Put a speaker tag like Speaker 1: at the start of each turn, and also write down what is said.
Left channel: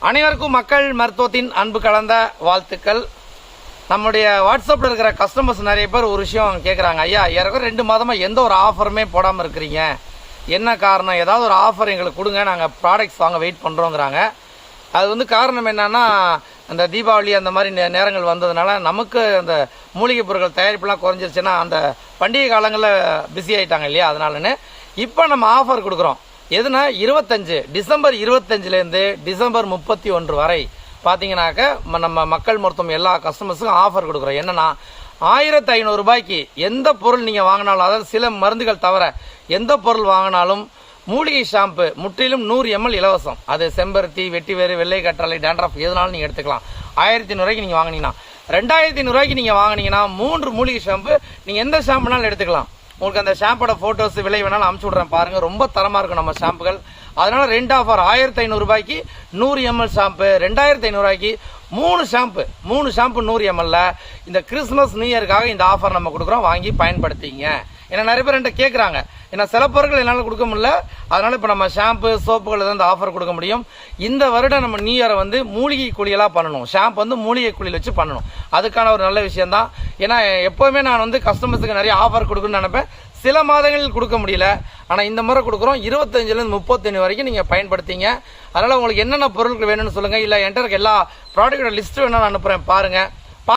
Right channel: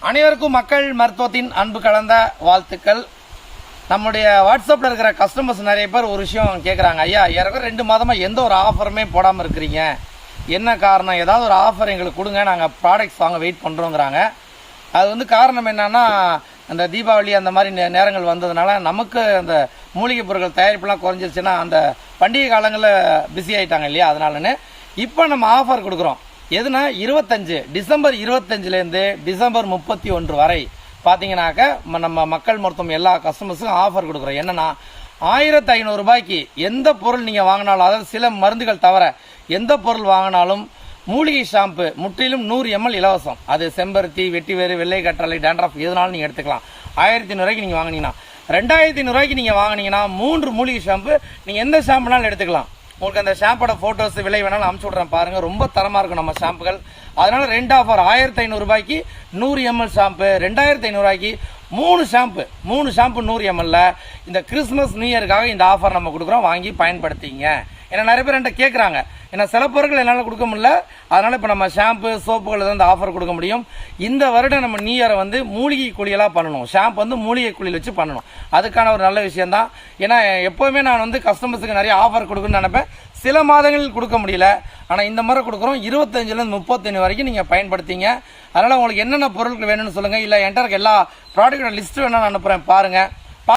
Speaker 1: அனைவருக்கும் மக்கள் மருத்துவத்தின் அன்பு கலந்த வாழ்த்துக்கள். நம்முடைய வாட்ஸ்அப்பில் இருக்கிற கஸ்டமர்ஸ் நிறைய பேர் ஒரு விஷயம் கேட்குறாங்க ஐயா ஏறக்குறைய ரெண்டு மாதமாக எந்த ஒரு ஆஃபருமே போடாமல் இருக்கிறீங்க? என்ன காரணம்? ஏதாவது ஒரு ஆஃபர் எங்களுக்கு கொடுங்க. நாங்கள் ப்ராடக்ட்ஸ் வாங்க வெயிட் பண்ணுறோங்கிறாங்க அது வந்து காரணம் என்னென்னா அந்த தீபாவளி அந்த மாதிரி நே- நேரங்கள் வந்ததுனால நமக்கு அந்த மூலிகை பொருட்கள் தயாரிப்புலாம் குறைஞ்சிருச்சுன்னா அந்த பண்டிகை காலங்களில் பிஸி ஆயிட்டாங்க இல்லையா? அதனாலன்னு இப்போ நம்ம ஆஃபர் கொடுக்குறோம். எதுனா இருபத்தஞ்சு டிசம்பர் இருபத்தஞ்சிலேருந்து டிசம்பர் முப்பத்தி ஒன்று வரை பார்த்தீங்கன்னாக்க ம- நம்ம மக்கள் மருத்துவம் எல்லா கஸ்டமர்ஸுக்கும் ஆஃபர் கொடுக்குறோம். என்னன்னா ஆயிரத்தி ஐநூறு ரூபாய்க்கு எந்த பொருள் நீங்கள் வாங்கினாலும் அதாவது சில மருந்துகள் தவிர எந்த பொருள் வாங்கினாலும் மூலிகை ஷாம்பு முற்றிலும் நூறு எம்எல் இலவசம். அது செம்பருத்தி வெட்டிவேறு வெள்ளை கற்றலை டேண்ட்ரஃப் எதுனாலும் நீங்கள் எடுத்துக்கலாம். ஆயிரத்தி ஐநூறுரூவாய்க்கு நீங்கள் வாங்கினீங்கன்னா ரெண்டாயிரத்தி ஐநூறுரூவாய்க்கு நீங்கள் வாங்கினீங்கன்னா மூன்று மூலிகை ஷாம்பு நீங்கள் எந்த ஷாம்புனாலும் எடுத்துக்கலாம். உங்களுக்கு அந்த ஷாம்போட ஃபோட்டோஸ் விலை வேணாலும் அமுச்சு விட்றேன் பாருங்கள் ரொம்ப தரமாக இருக்கும் நம்ம ஷாம்புகள். அதனால ரெண்டு ஆஃபர் ஆயிரத்தி ஐநூறுரூபாய்க்கு நூறு எம்எல் ஷாம்பு ரெண்டாயிரத்தி ஐநூறுரூவாய்க்கு மூணு ஷாம்பு. மூணு ஷாம்பு நூறு எம்எல்ல இந்த கிறிஸ்மஸ் நியூ இயருக்காக இந்த ஆஃபர் நம்ம கொடுக்குறோம். வாங்கி பயன்படுத்திங்க. ஏன்னா நிறைய பேர் என்கிட்ட கேட்குறாங்க ஏன்னா சில பொருட்கள் என்னால் கொடுக்க முடியல. அதனால் இப்போ நம்ம ஷாம்பு சோப்புகள் தான் இந்த ஆஃபர் கொடுக்க முடியும். இந்த வருடம் நம்ம நியூ இயரை வந்து மூலிகை குழியெல்லாம் பண்ணணும். ஷாம்பு வந்து மூலிகை குழியில் வச்சு பண்ணணும். அதுக்கான ஒரு நல்ல விஷயம் தான் ஏன்னா எப்போவுமே நான் வந்து கஸ்டமர்ஸுக்கு நிறைய ஆஃபர் கொடுக்கணும்னு நினைப்பேன். சில மாதங்களில் கொடுக்க முடியல. ஆனால் இந்த முறை கொடுக்குறோம். இருபத்தஞ்சிலேருந்து முப்பத்தஞ்சு வரைக்கும் நீங்கள் பயன்படுத்திங்க. அதனால் உங்களுக்கு என்னென்ன பொருட்கள் வேணும்னு சொல்லுங்கள் இல்லை என்கிட்ட இருக்க எல்லா ப்ராடக்டோட லிஸ்ட்டு வேணும் நான் அனுப்புகிறேன் பாருங்கள்